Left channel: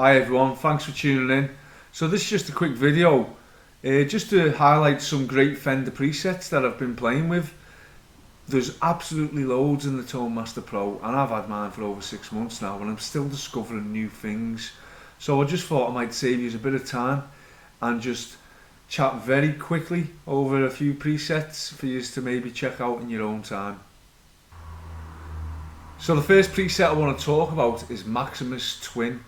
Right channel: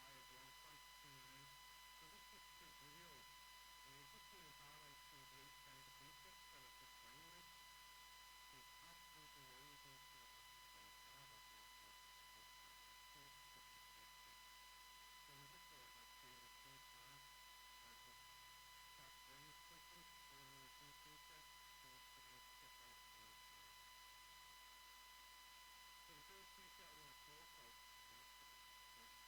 Hi everyone, thanks for tuning in. So this is just a quick video, just to highlight some great Fender presets that I've been playing with. There's absolutely loads in the Tone Master Pro, and I've had mine for over 6 months now, and I'm still discovering new things. So I just thought I might save you a bit of time and just chat very quickly over a few presets for you to maybe check out in your own time. So the first preset I want to talk about is Maximus Twin.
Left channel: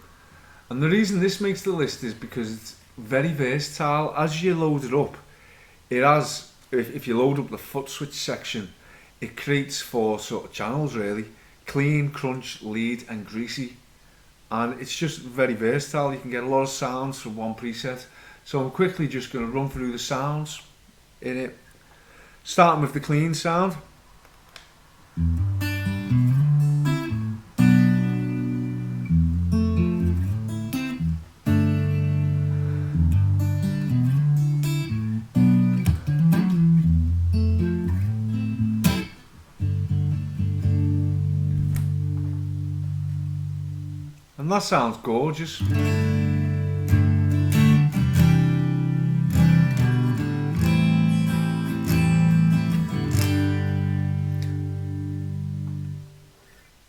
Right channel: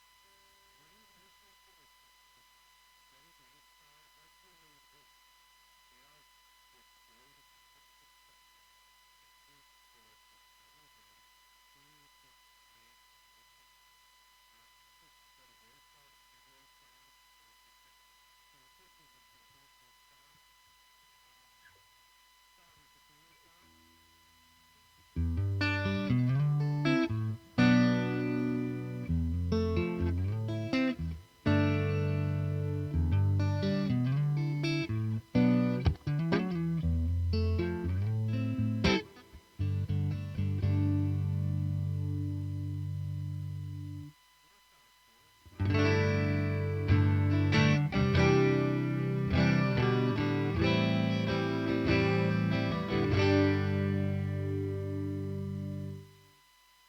And the reason this makes the list is because it's very versatile. As you load it up, it has, if you load up the foot switch section, it creates 4 sort of channels really: clean, crunch, lead and greasy. And it's just very versatile. You can get a lot of sounds from one preset. So I'm quickly just going to run through the sounds in it. Starting with the clean sound. And that sounds gorgeous.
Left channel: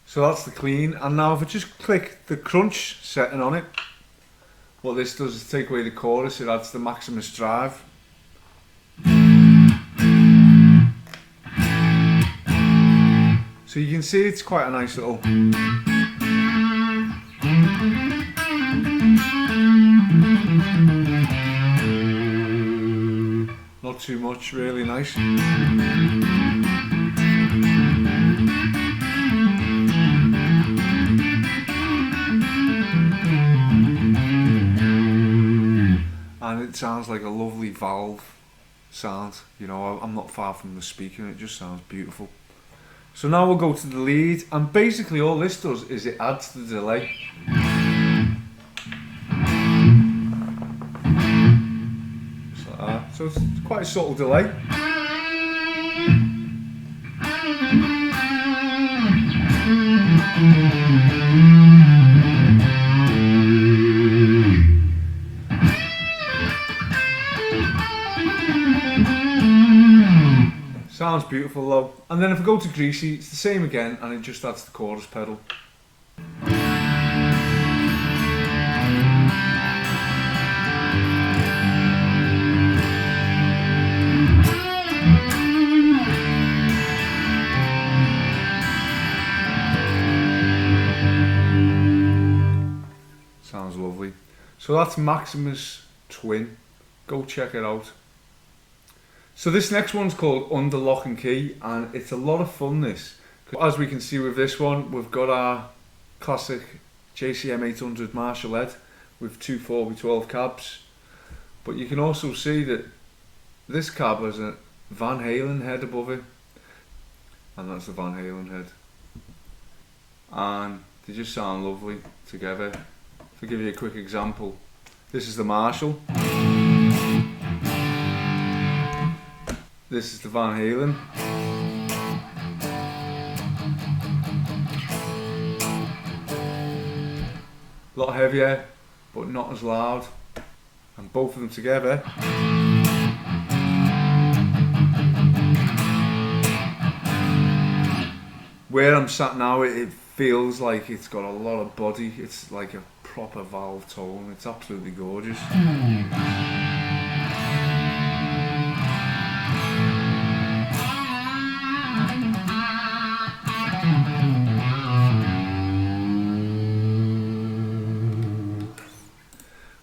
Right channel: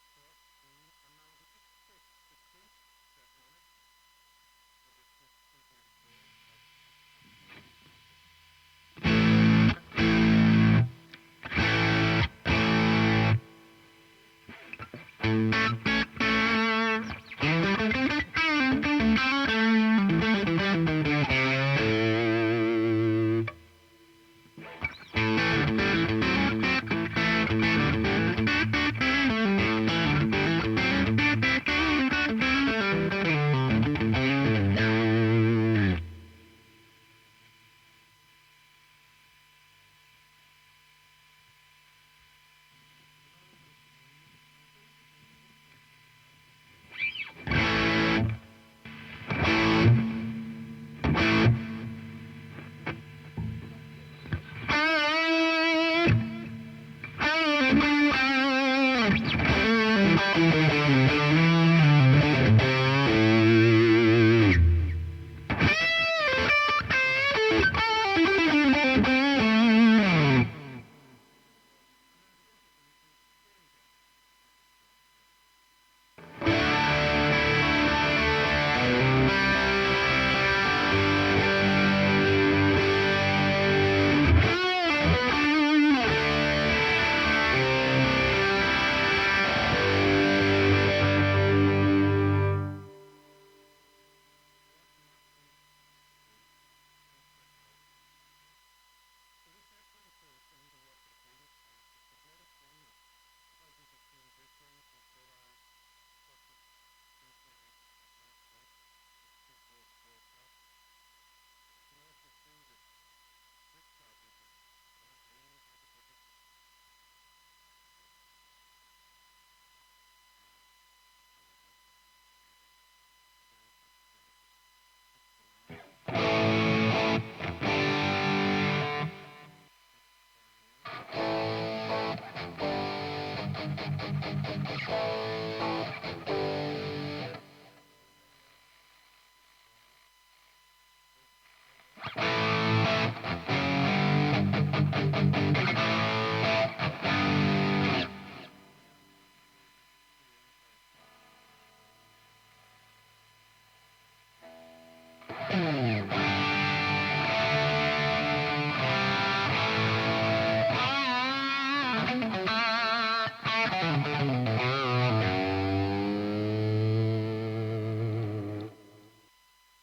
So that's the clean, and now if I just click the crunch setting on it, what this does is take away the chorus, it adds the Maximus drive. So you can see it's quite a nice little... Not too much, really nice. And it sounds like a lovely valve sound. You know, I'm not far from the speaker and it just sounds beautiful. So now we'll go to the lead, and basically all this does is it adds the delay. So it's quite a subtle delay. Sounds beautiful though. And then if I go to greasy, it's the same again, and it just adds the chorus pedal. Sounds lovely. So that's Maximus Twin. Go check it out. So this next one's called Under Lock and Key, and it's a lot of fun this. As we can see with this one, we've got our classic JCM 800 Marshall head with 2 4x12 cabs. But you can also see that this cab has a Van Halen head above it. And that's the Van Halen head. And they just sound lovely together. If I give you a quick example, this is the Marshall. This is the Van Halen. A lot heavier, but not as loud. And both of them together. Where I'm sat now, it feels like it's got a lot of body. It's like a proper valve tone. It's absolutely gorgeous.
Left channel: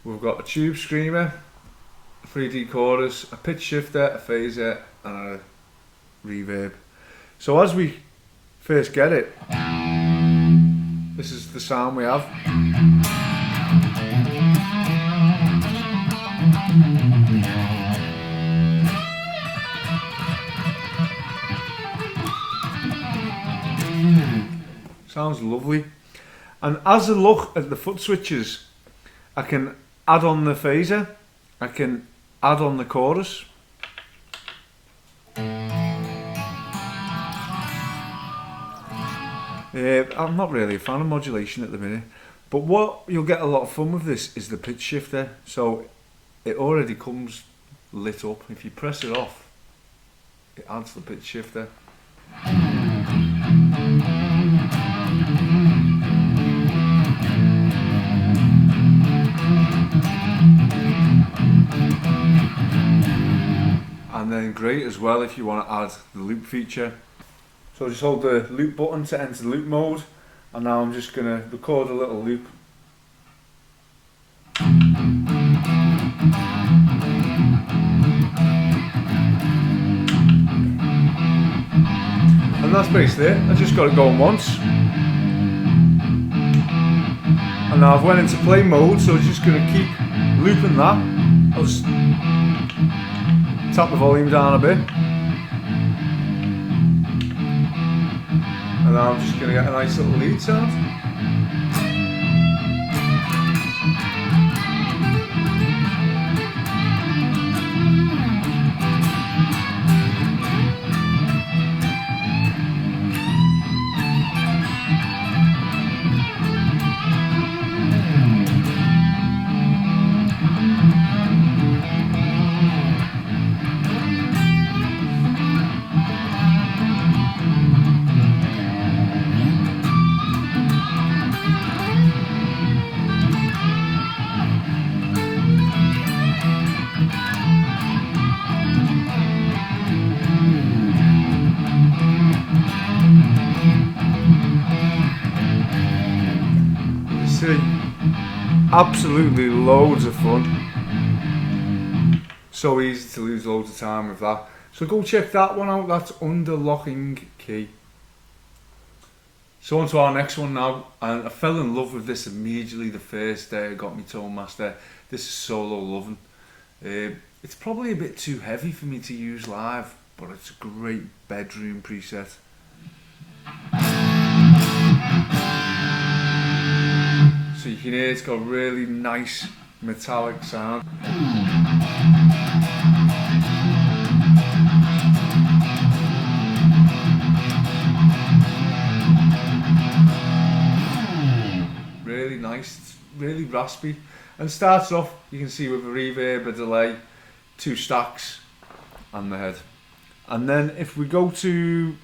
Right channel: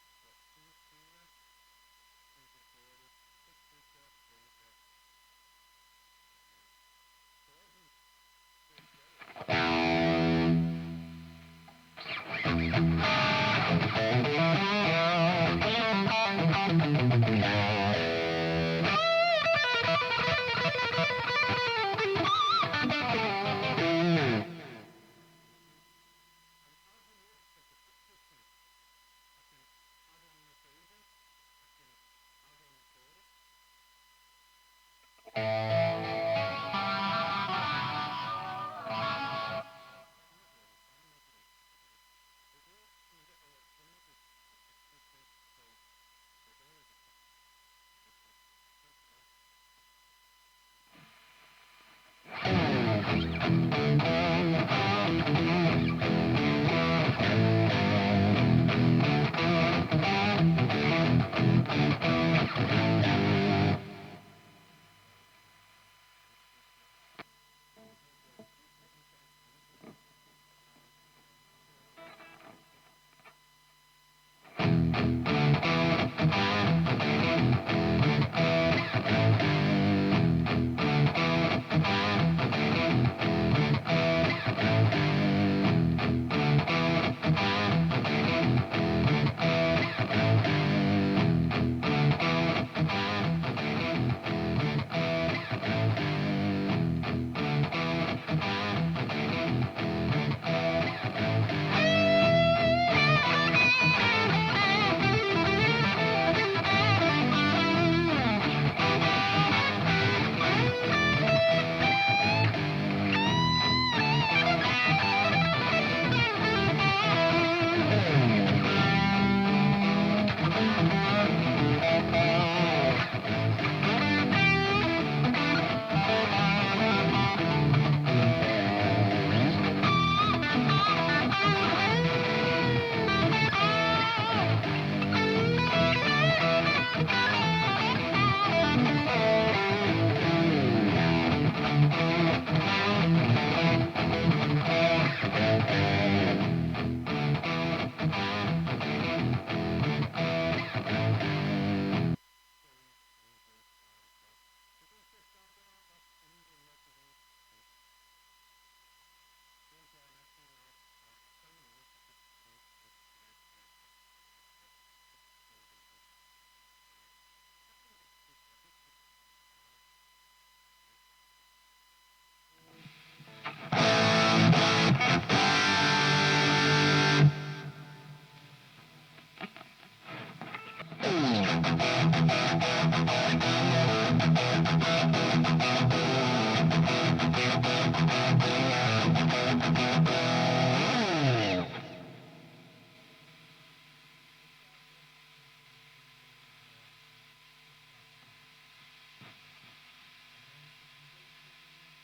We've got a tube screamer, a 3D chorus, a pitch shifter, a phaser and a reverb. So as we first get it, this is the sound we have. Sounds lovely. And as I look at the foot switches, I can add on the phaser, I can add on the chorus. I'm not really a fan of modulation at the minute. But what you'll get a lot of fun with this is the pitch shifter. So it already comes lit up. If you press it off, it adds the pitch shifter. And then great as well if you want to add the loop feature. So just hold the loop button to enter the loop mode, and now I'm just going to record a little loop. And that's basically it. I just got it going once. And now I've went into play mode, so it's just going to keep looping that. I'll just tap the volume down a bit. And now I'm just going to get a nice little lead sound. Absolutely loads of fun. So easy to lose loads of time with that. So go check that one out. That's Under Locking Key. So on to our next one now. And I fell in love with this immediately the first day I got my Tone Master. This is Solo Lovin. It's probably a bit too heavy for me to use live, but it's a great bedroom preset. So you can hear it's got a really nice metallic sound. Really nice, it's really raspy. And starts off, you can see, with a reverb, a delay, 2 stacks, and the head. And then if we go to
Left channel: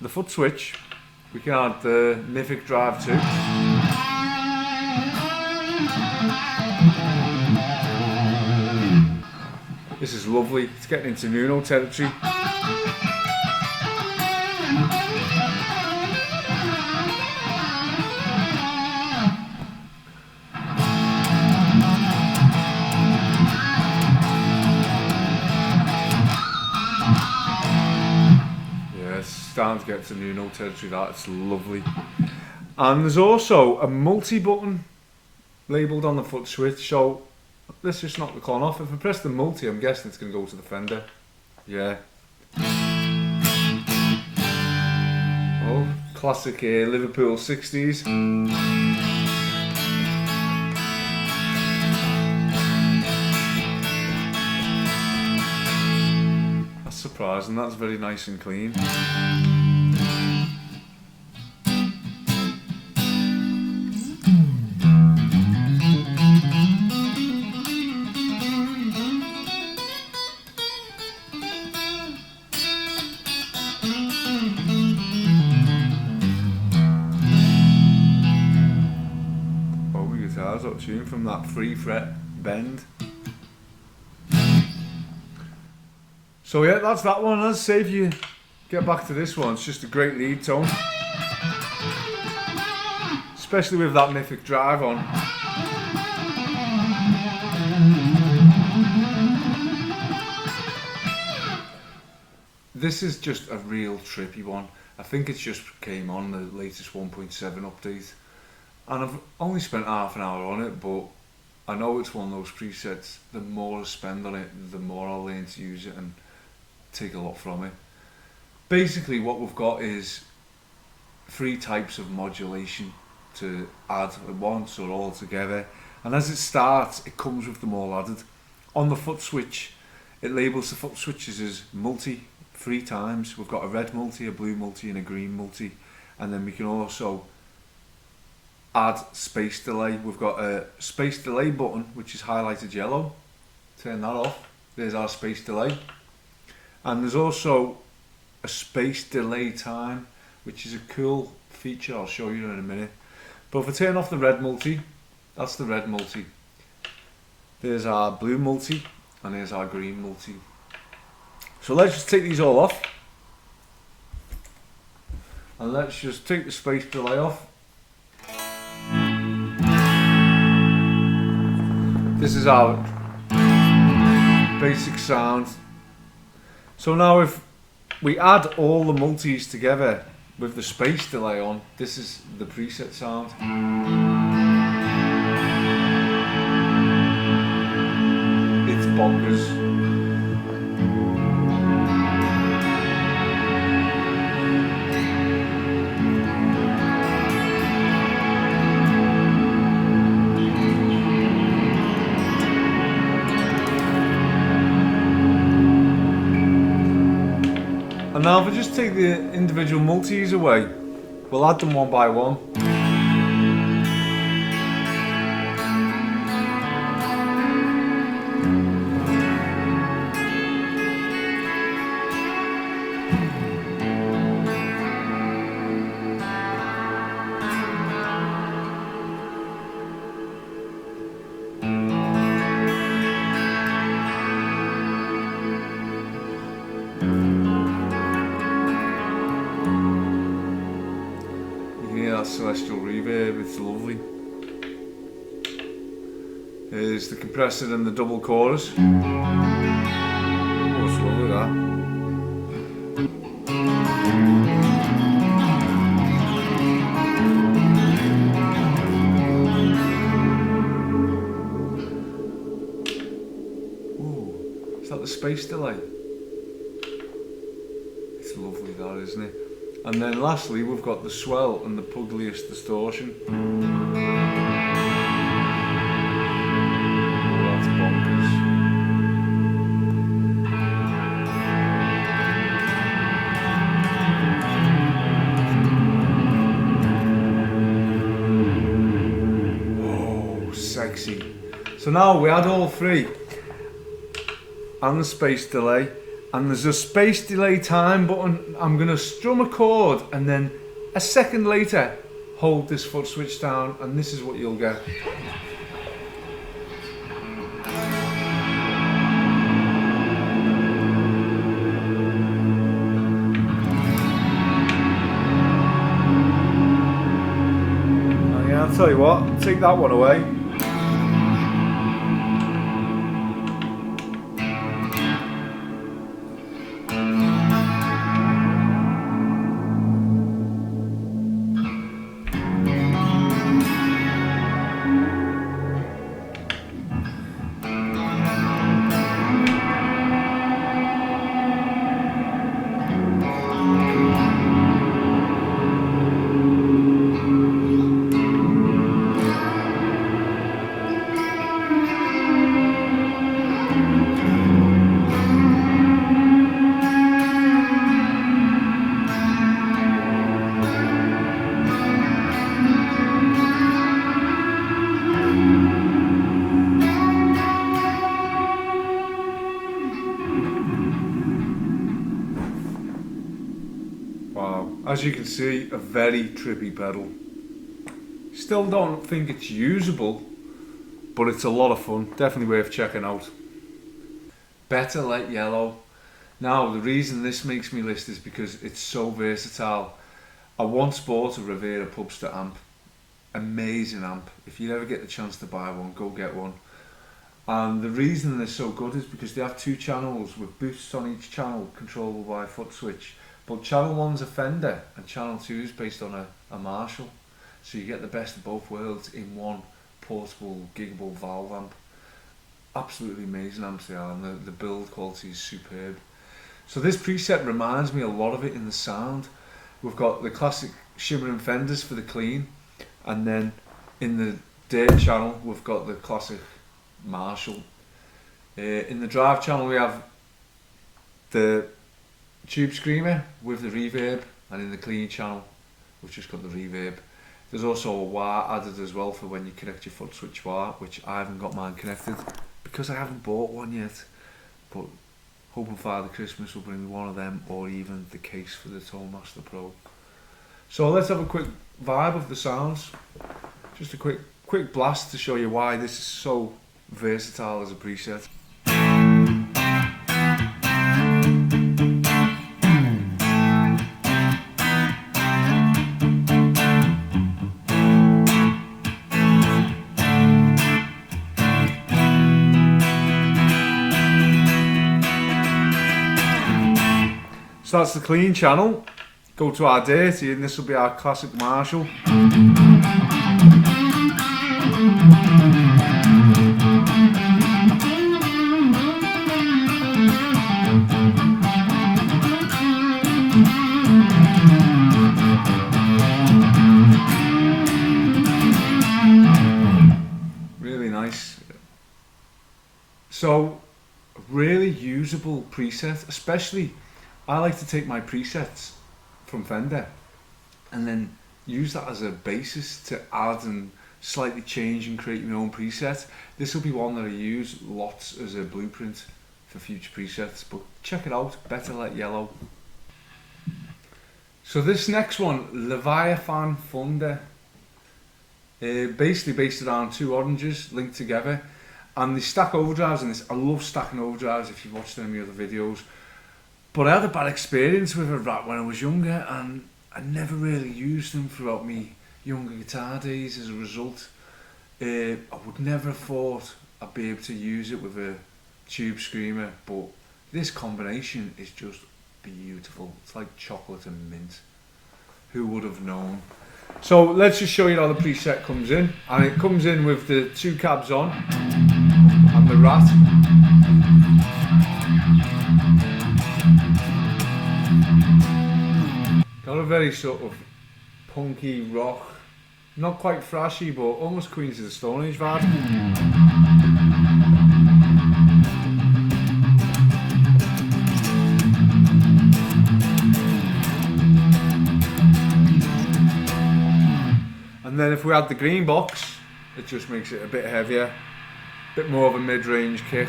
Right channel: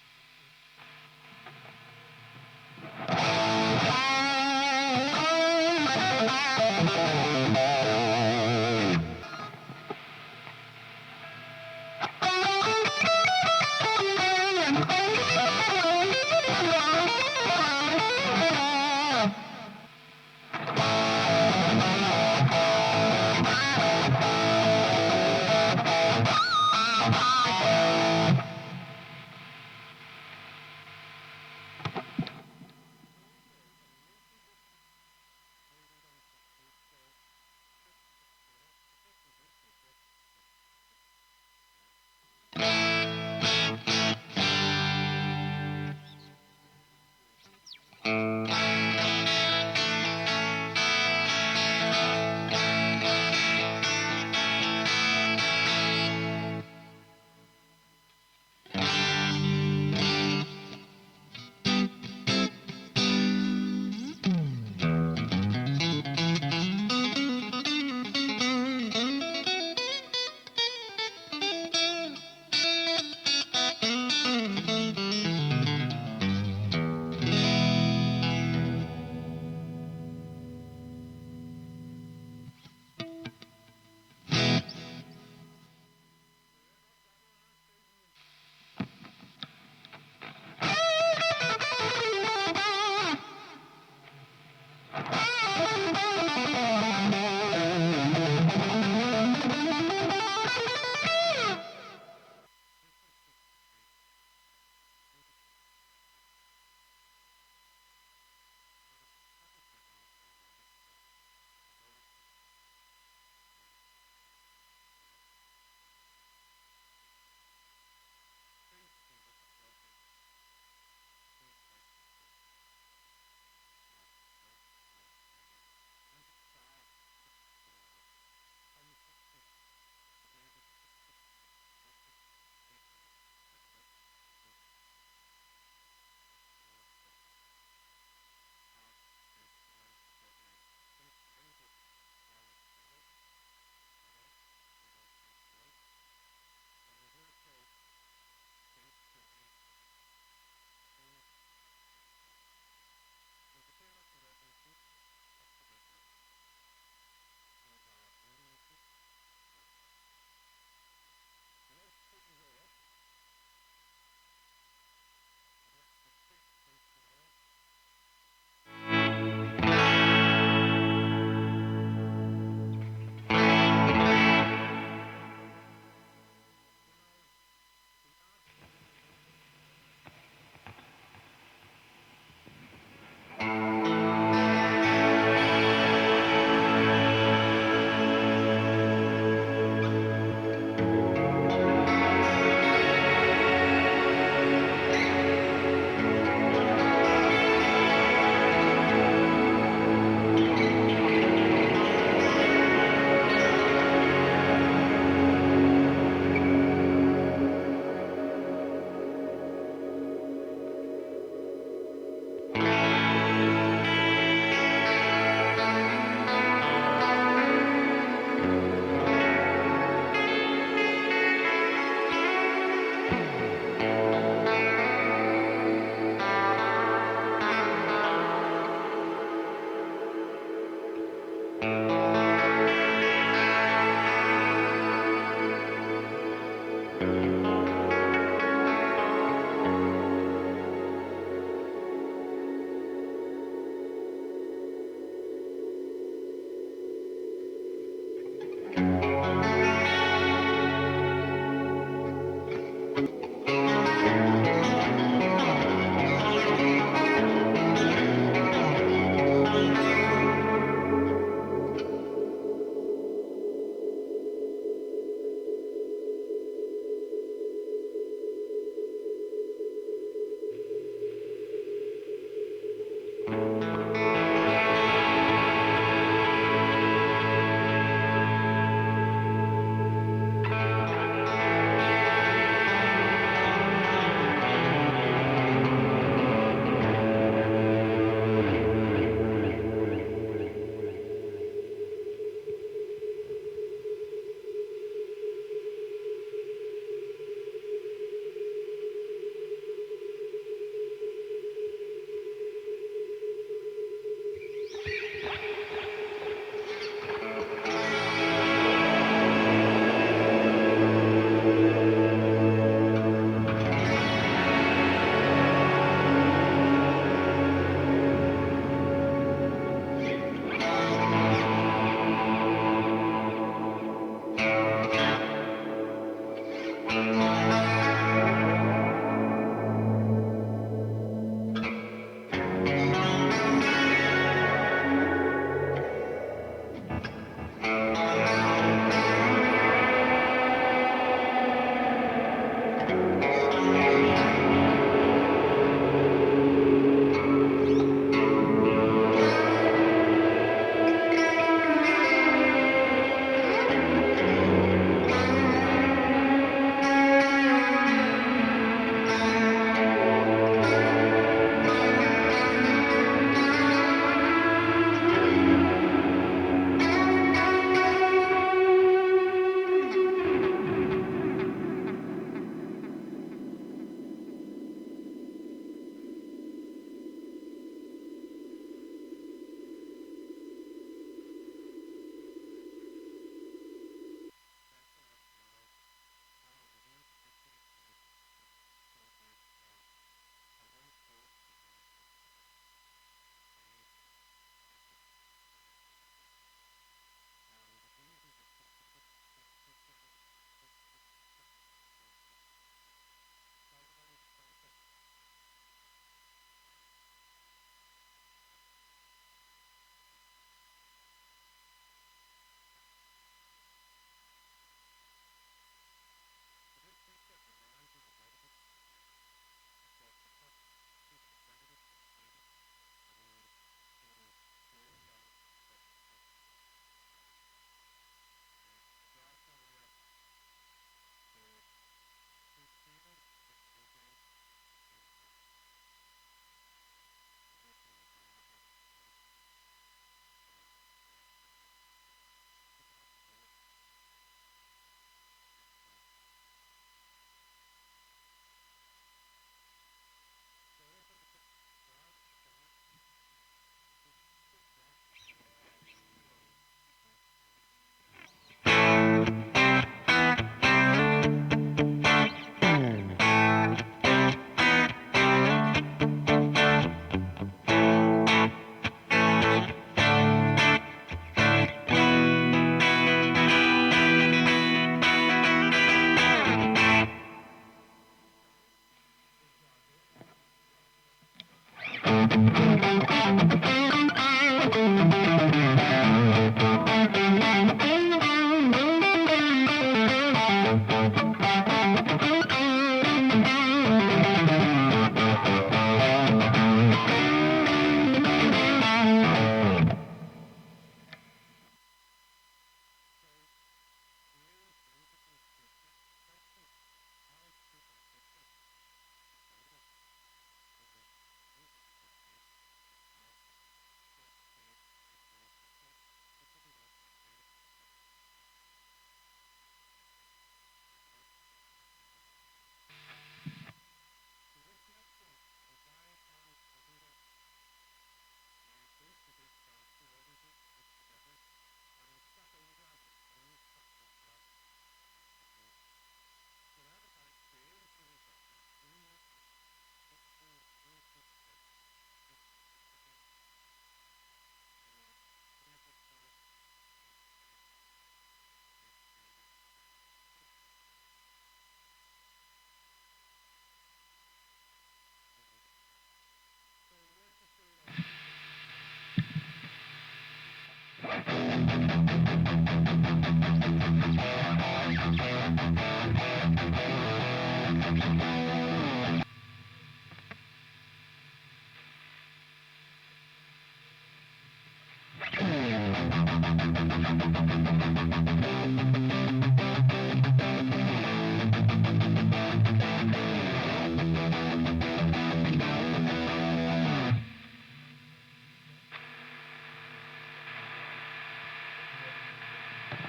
the foot switch, we can add the Mythic Drive too. This is lovely, it's getting into Nuno territory. Yeah, it's starting to get to Nuno territory, that's lovely. And there's also a multi-button labelled on the foot switch, so let's just knock the con off. If I press the multi, I'm guessing it's going to go to the Fender. Yeah. Oh, classic Liverpool 60s. That's surprising, that's very nice and clean. Tune from that 3-fret bend. So yeah, that's that one. Let's say if you get back to this one, it's just a great lead tone, especially with that Mythic Drive on. This is just a real trippy one. I think it's just came on the latest 1.7 update. And I've only spent half an hour on it, but I know it's one of those presets, the more I spend on it, the more I'll learn to use it and take a lot from it. Basically what we've got is 3 types of modulation to add at once or all together. And as it starts, it comes with them all added. On the foot switch, it labels the foot switches as multi 3 times. We've got a red multi, a blue multi and a green multi. And then we can also add space delay. We've got a space delay button which is highlighted yellow. Turn that off. There's our space delay. And there's also a space delay time, which is a cool feature. I'll show you in a minute. But if I turn off the red multi, that's the red multi. There's our blue multi, and there's our green multi. So let's just take these all off. And let's just take the space delay off. This is our basic sound. So now if we add all the multis together with the space delay on, this is the preset sound. It's bonkers. And now if we just take the individual multis away, we'll add them one by one. Celestial reverb, it's lovely. Here's the compressor and the double chorus. Oh, it's lovely that. Ooh, is that the space delay? It's lovely that, isn't it? And then lastly, we've got the swell and the pugliest distortion. That's bonkers. Oh, sexy. So now we add all three. And the space delay. And there's a space delay time button. I'm going to strum a chord and then a second later hold this foot switch down, and this is what you'll get. Oh yeah, I'll tell you what, take that one away. Wow, as you can see, a very trippy pedal. Still don't think it's usable, but it's a lot of fun, definitely worth checking out. Better Light Yellow. Now the reason this makes me list is because it's so versatile. I once bought a Rivera Pubster amp, amazing amp. If you ever get the chance to buy one, go get one. And the reason they're so good is because they have two channels with boosts on each channel controllable by a foot switch. But channel 1's a Fender and channel 2 is based on a Marshall. So you get the best of both worlds in one portable, giggable valve amp. Absolutely amazing amps they are, and the build quality is superb. So this preset reminds me a lot of it in the sound. We've got the classic shimmering Fenders for the clean, and then in the dirt channel we've got the classic Marshall. In the drive channel we have the Tube Screamer with the reverb, and in the clean channel we've just got the reverb. There's also a wire added as well for when you connect your foot switch wire, which I haven't got mine connected because I haven't bought one yet, but hoping Father Christmas will bring me one of them, or even the case for the Tone Master Pro. So let's have a quick vibe of the sounds. Just a quick blast to show you why this is so versatile as a preset. So that's the clean channel. Go to our dirty, and this will be our classic Marshall. Really nice. So, a really usable preset, especially I like to take my presets from Fender and then use that as a basis to add and slightly change and create my own preset. This will be one that I use lots as a blueprint for future presets, but check it out, Better Let Yellow. So this next one, Leviathan Thunder, basically based around two oranges linked together, and they stack overdrives in this. I love stacking overdrives if you've watched any of the videos. But I had a bad experience with a Rat when I was younger, and I never really used them throughout my younger guitar days. As a result, I would never have thought I'd be able to use it with a tube screamer, but this combination is just beautiful. It's like chocolate and mint. Who would have known? So let's just show you how the preset comes in, and it comes in with the two cabs on and the Rat. Got a very sort of punky rock, not quite thrashy, but almost Queens of the Stone Age vibe. And then if we add the green box, it just makes it a bit heavier, a bit more of a mid-range kick.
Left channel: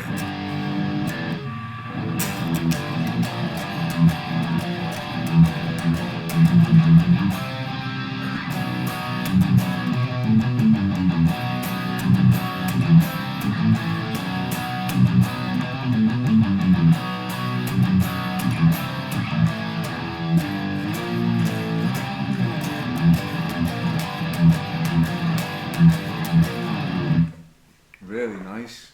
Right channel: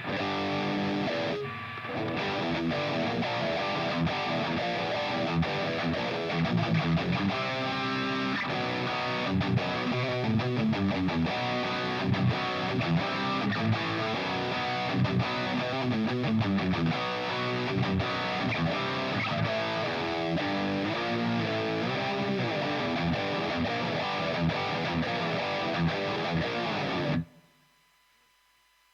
Really nice.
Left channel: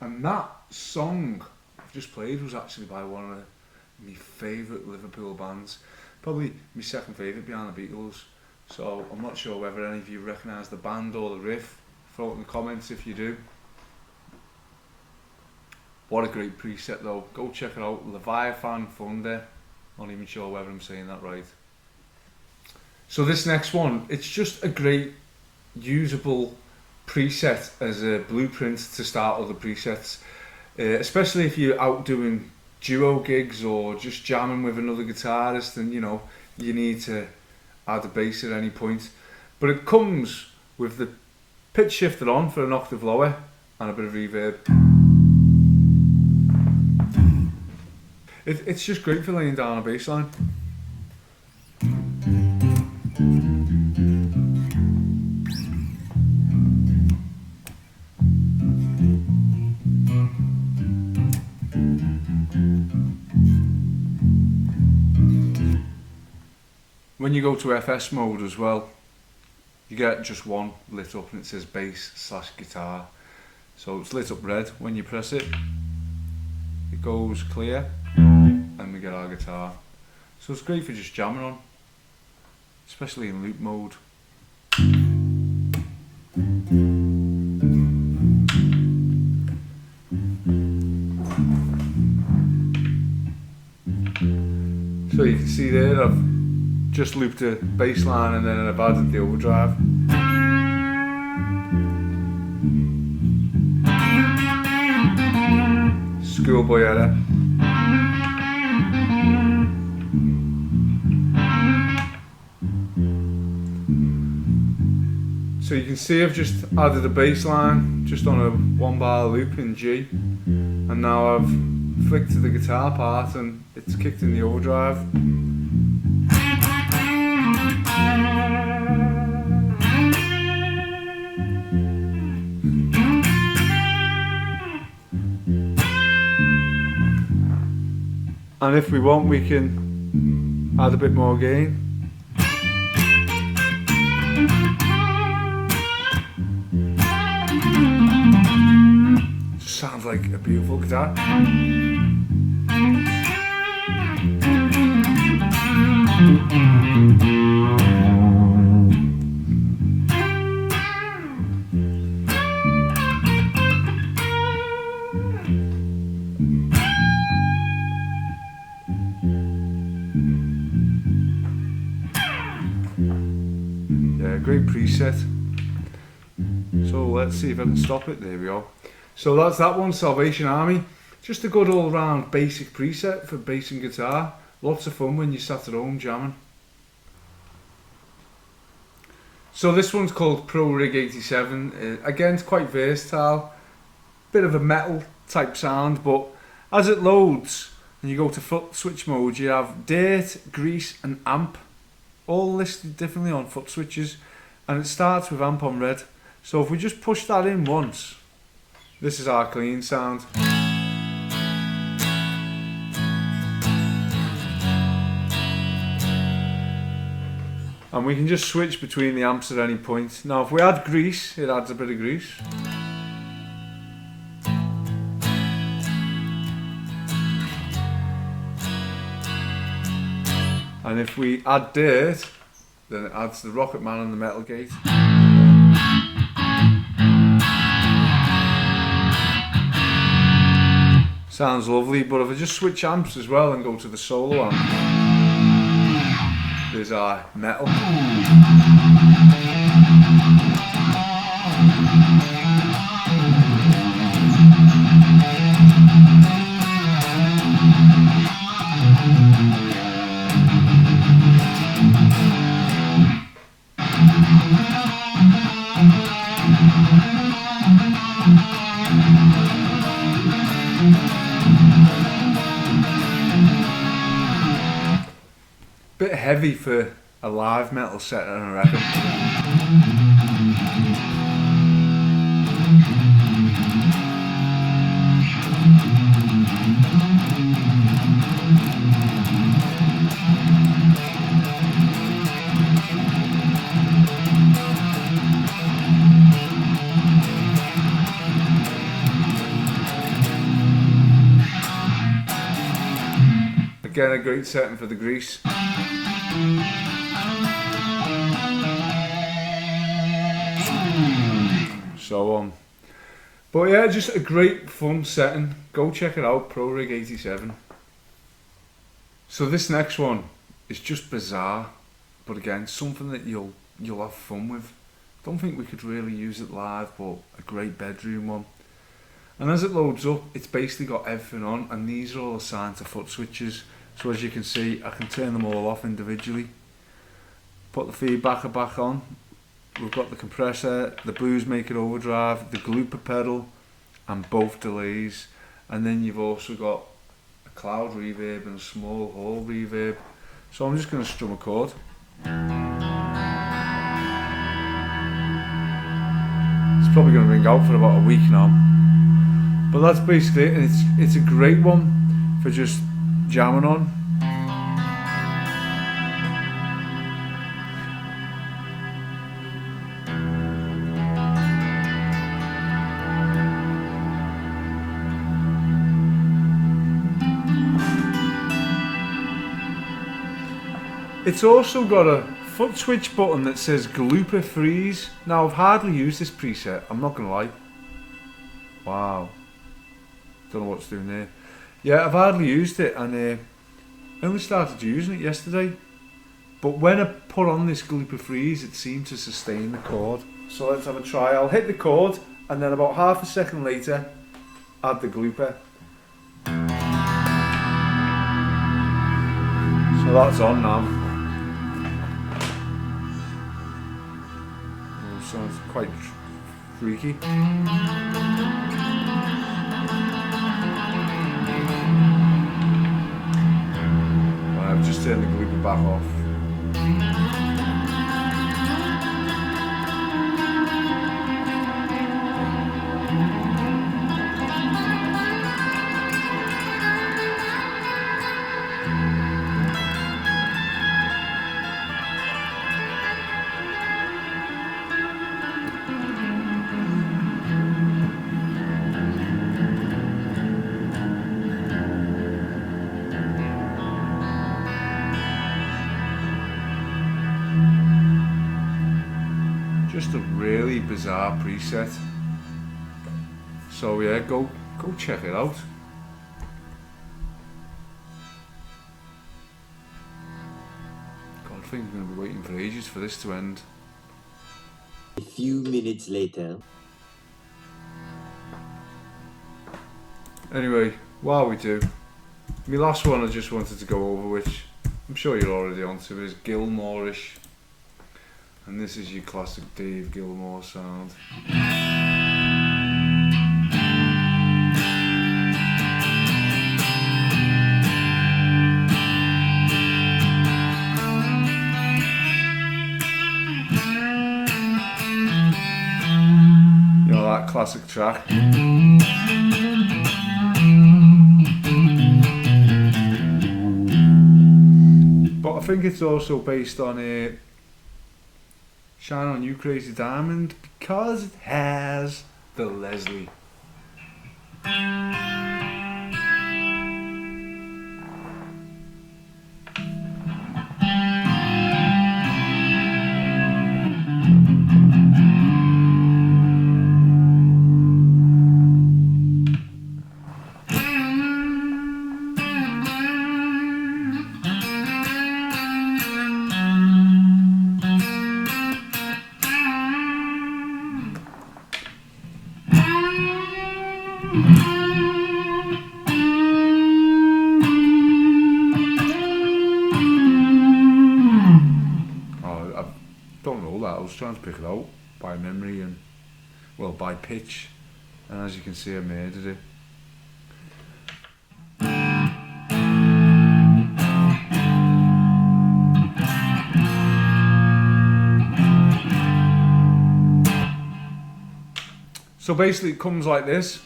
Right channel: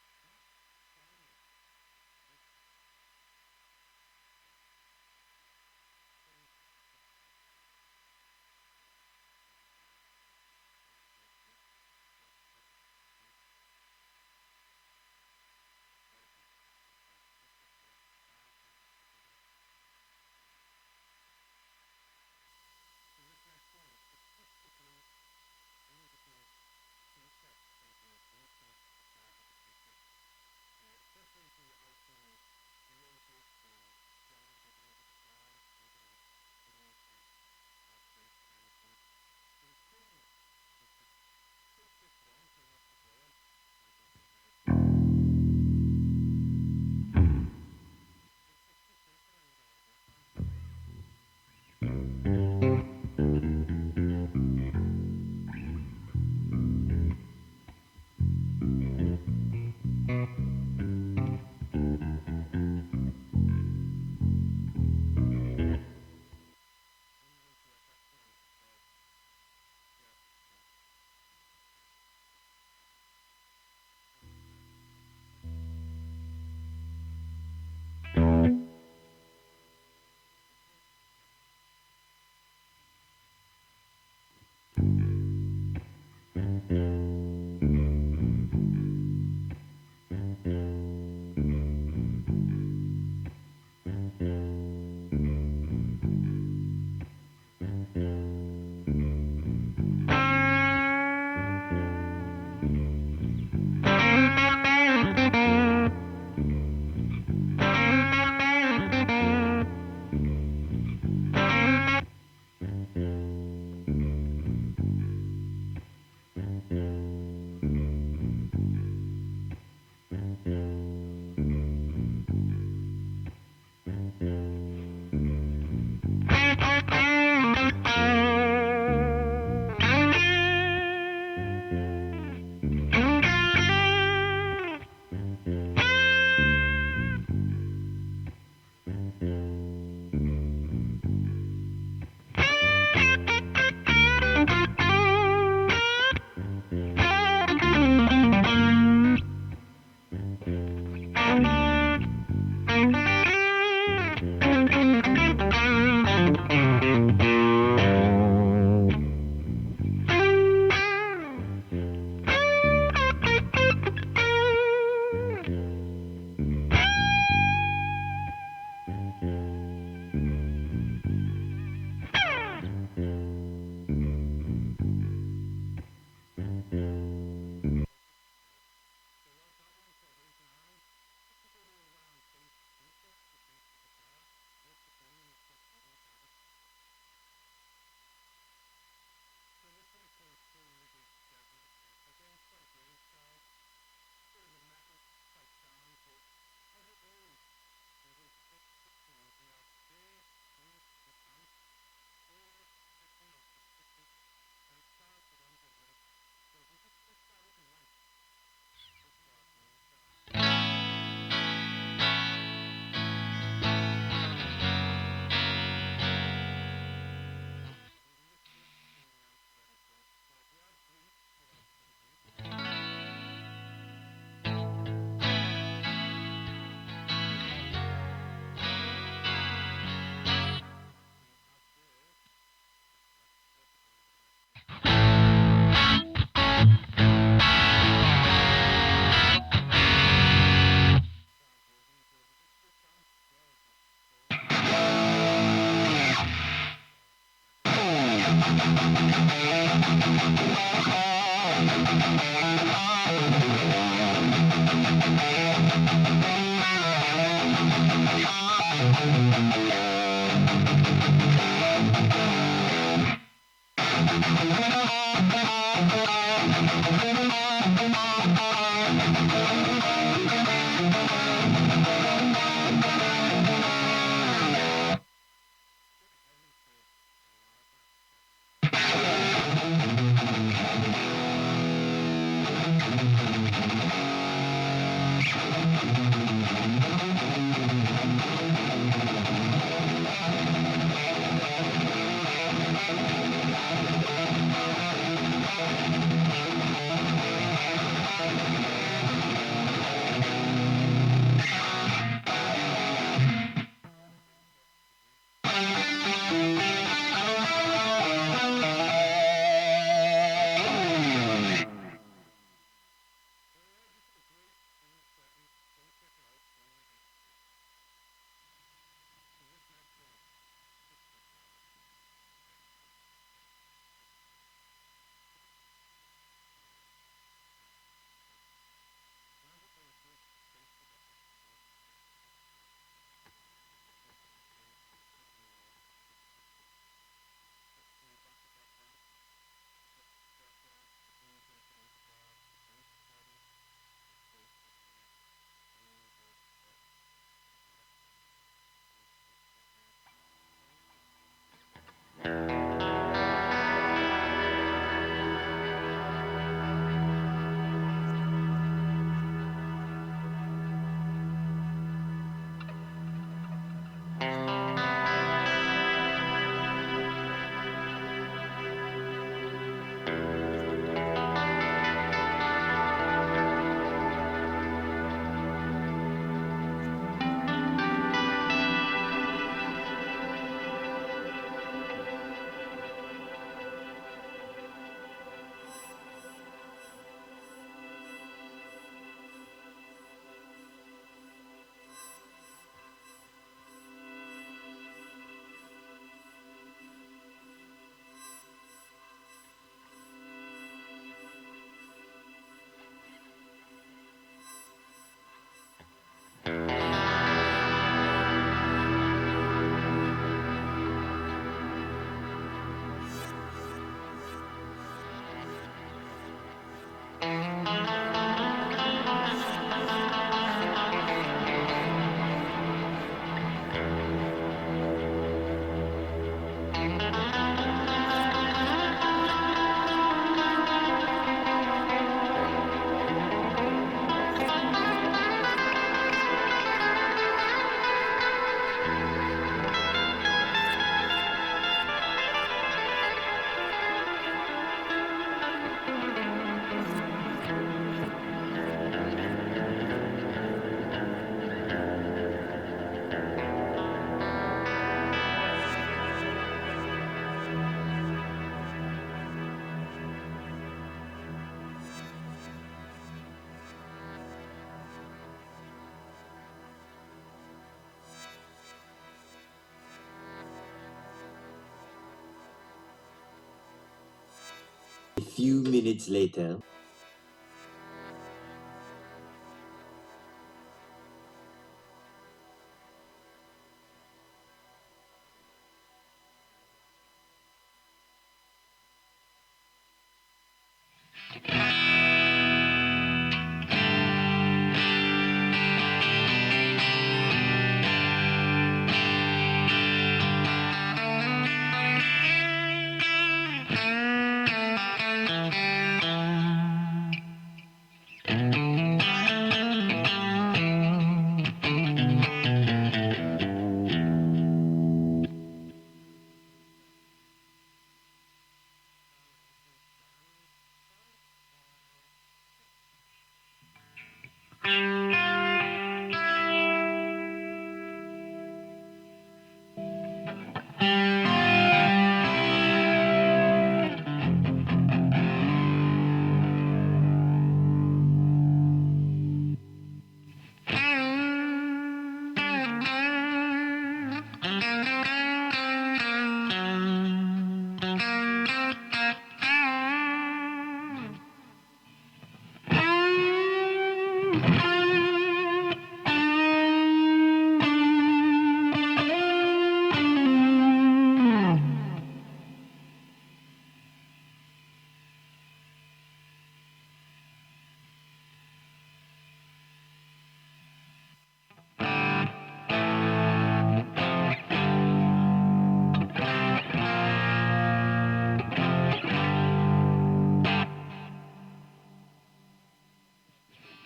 And that song I've just played was actually by one of my favourite Liverpool bands, probably my second favourite behind the Beatles. So I'm not sure whether any of you recognise the band or the riff. Throw it in the comments if you do. What a great preset though. Go check it out. Leviathan Thunder. Not even sure whether I'm saying that right. So this next one, it's just a great usable preset as a blueprint to start other presets, especially if you're out doing duo gigs or just jamming with another guitarist, and you know you need to add a bass at any point. But it comes with the pitch shifter on for an octave lower and a bit of reverb. It's just great for laying down a bass line. When you go to FS mode as well, you get just one lit up and it says bass/guitar. So it's lit up red when you press it. It goes clear and we get our guitar. So it's great for just jamming on, especially in loop mode. So you can see there I've just looped a bass line and then I've added the overdrive. Schoolboy error. can see I've just added a bass line just on a 1-bar loop in G, and now I've flicked to the guitar part and it's kicked in the overdrive. And if we want, we can add a bit more gain. Just sounds like a beautiful guitar. Great preset. So let's see if I can stop it. There we go. So that's that one, Salvation Army. Just a good all round basic preset for bass and guitar. Lots of fun when you sat at home jamming. So this one's called Pro Rig 87. Again, it's quite versatile. Bit of a metal type sound, but as it loads and you go to foot switch mode, you have dirt, grease and amp all listed differently on foot switches. And it starts with amp on red. So if we just push that in once, this is our clean sound. And we can just switch between the amps at any point. Now if we add grease, it adds a bit of grease. And if we add dirt, then it adds the Rocket Man and the metal gate. Sounds lovely, but if I just switch amps as well and go to the solo amp, there's our metal. Bit heavy for a live metal set, I reckon. Again, a great setting for the grease. So on. But yeah, just a great fun setting. Go check it out, Pro Rig 87. So this next one is just bizarre, but again, something that you'll have fun with. Don't think we could really use it live, but a great bedroom one. And as it loads up, it's basically got everything on, and these are all assigned to foot switches. So as you can see, I can turn them all off individually. Put the feedbacker back on. We've got the compressor, the blues maker overdrive, the glooper pedal, and both delays. And then you've also got a cloud reverb and a small hall reverb. So I'm just going to strum a chord. It's probably going to ring out for about a week now. But that's basically it, and it's a great one for just jamming on. It's also got a foot switch button that says Glooper Freeze. Now I've hardly used this preset, I'm not gonna lie. Wow. Don't know what's doing there. Yeah, I've hardly used it, and I only started using it yesterday. But when I put on this Glooper Freeze, it seemed to sustain the chord. So let's have a try. I'll hit the chord, and then about half a second later, add the glooper. So that's on now. Sounds quite freaky. I've just turned the glue back off. Just a really bizarre preset. So yeah, go check it out. God, I think I'm going to be waiting for ages for this to end. A few minutes later. Anyway, while we do, my last one I just wanted to go over, which I'm sure you're already onto, is Gilmourish. And this is your classic Dave Gilmour sound. You know, that classic track. But I think it's also based on a Shine On You Crazy Diamond, because it has the Leslie. I was trying to pick it out by memory and, well, by pitch, and as you can see I murdered it. So basically it comes like this.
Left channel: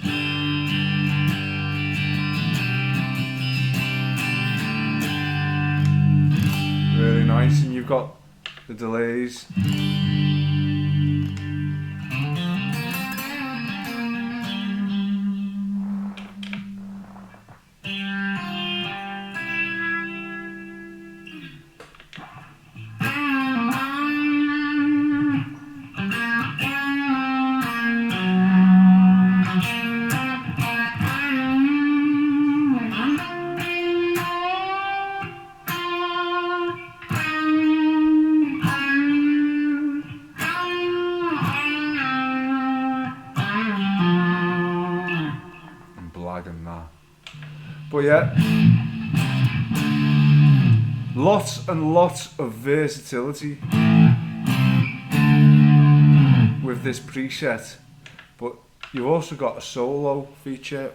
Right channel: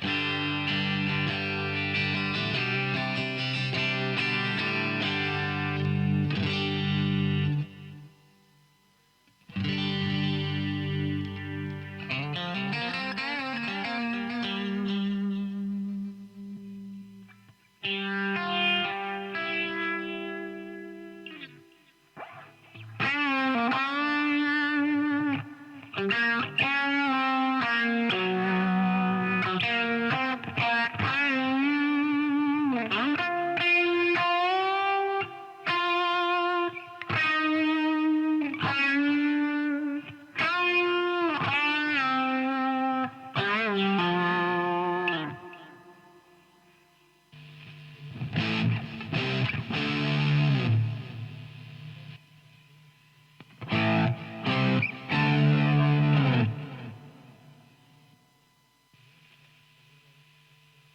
Really nice, and you've got the delays. But yeah, lots and lots of versatility with this preset, but you've also got a solo feature.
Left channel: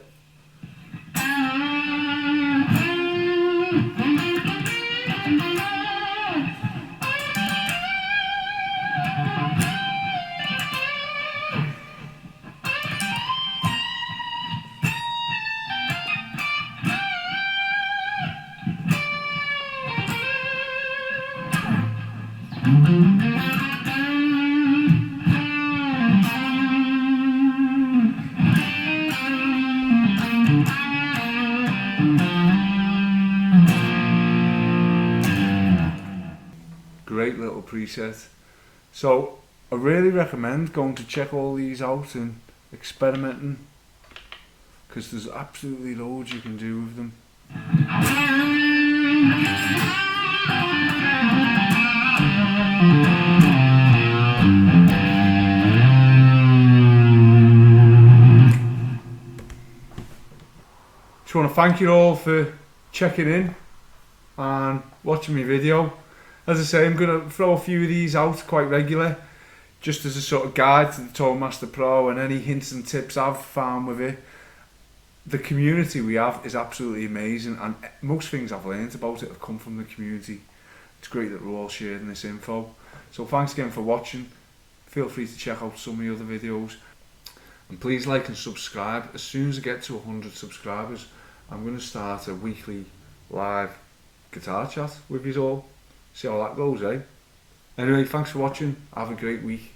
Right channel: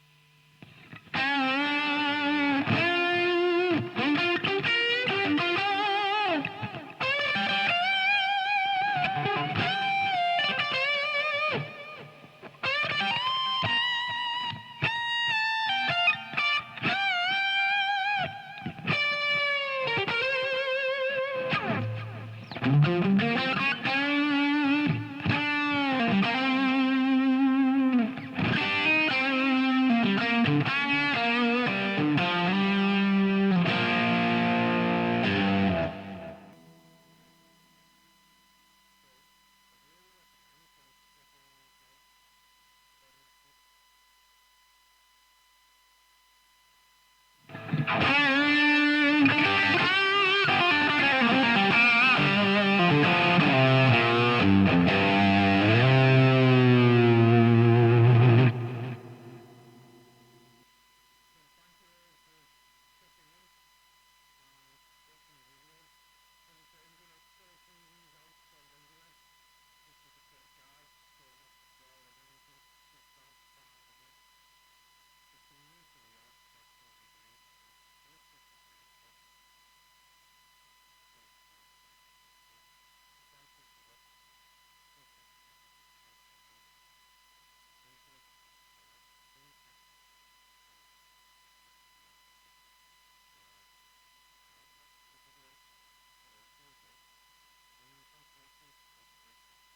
Great little preset. So I really recommend going to check all these out and experimenting, because there's absolutely loads you can do with them. Just want to thank you all for checking in and watching my video. As I say, I'm going to throw a few of these out quite regular. just as a sort of guide to the Tone Master Pro and any hints and tips I've found with it. The community we have is absolutely amazing, and most things I've learned about it have come from the community. It's great that we're all sharing this info. So thanks again for watching. Feel free to check out some of the other videos. And please like and subscribe. As soon as I get to 100 subscribers, I'm going to start a weekly live guitar chat with you all. See how that goes, eh? Anyway, thanks for watching. Have a great week.